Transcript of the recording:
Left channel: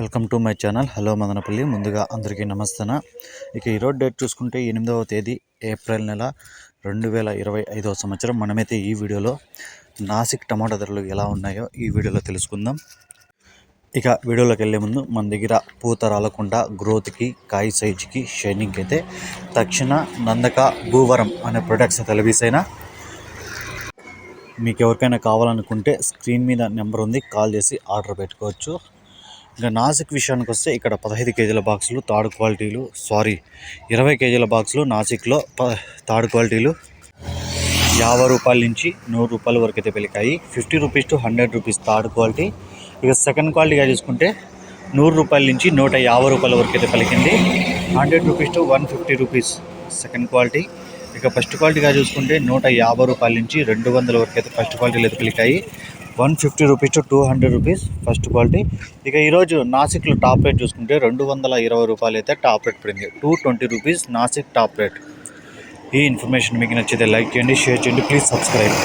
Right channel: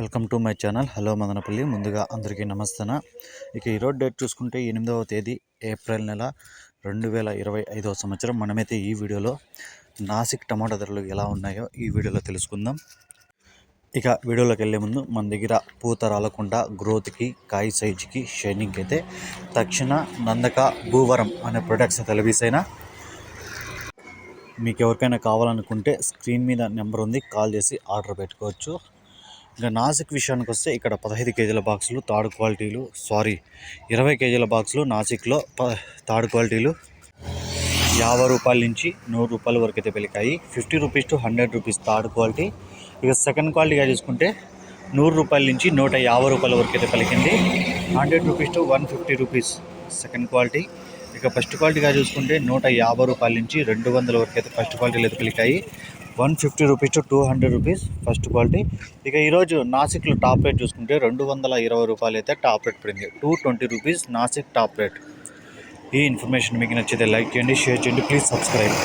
Welcome to my channel. Hello Madanapalle. ముందుగా అందరికీ నమస్తేనా. ఇక ఈరోజు డేట్ చూసుకుంటే ఎనిమిదవ తేదీ ఏప్రిల్ నెల రెండు వేల ఇరవై ఐదవ సంవత్సరం. మనమైతే ఈ వీడియోలో నాసిక్ టమాటా ధరలు ఎలా ఉన్నాయో ఈ వీడియోలో తెలుసుకుందాం. ఇక వీడియోలోకి వెళ్ళే ముందు మన దగ్గర పూత రాలకుండా గ్రోత్కి కాయ సైజుకి షైనింగ్కి అయితే తక్షణ నందక భూవరం అనే ప్రొడక్ట్స్ అయితే లభిస్తాయినా. మీకు ఎవరికైనా కావాలనుకుంటే స్క్రీన్ మీద నెంబర్ ఉంది. కాల్ చేసి ఆర్డర్ పెట్టుకోవచ్చు. ఇక నాసిక్ విషయానికి వస్తే ఇక్కడ పదహైదు కేజీల బాక్సులు థర్డ్ క్వాలిటీలు సారీ ఇరవై కేజీల బాక్సులు నాసిక్లో ప థర్డ్ క్వాలిటీలు. యాభై రూపాయల నుంచి నూరు రూపాయల వరకు అయితే పెరిగాయి. Fifty rupees to hundred rupees third quality. ఇక సెకండ్ క్వాలిటీగా చూసుకుంటే నూరు రూపాయల నుంచి నూట యాభై రూపాయల వరకు అయితే పలికింది. Hundred rupees to one fifty rupees second quality. ఇక ఫస్ట్ క్వాలిటీగా చూసుకుంటే నూట యాభై రూపాయల నుంచి రెండు వందల వరకు అయితే ఫస్ట్ క్వాలిటీలు అయితే పలికాయి. One fifty rupees to two hundred rupees first quality. ఇక ఈరోజు నాసిక్లో టాప్ రేట్ చూసుకుంటే రెండు వందల ఇరవై రూపాయలు అయితే టాప్ రేట్ పడింది. Two twenty rupees Nasik top rate. ఈ ఇన్ఫర్మేషన్ మీకు నచ్చితే లైక్ చేయండి షేర్ చేయండి ప్లీజ్ సబ్స్క్రైబ్.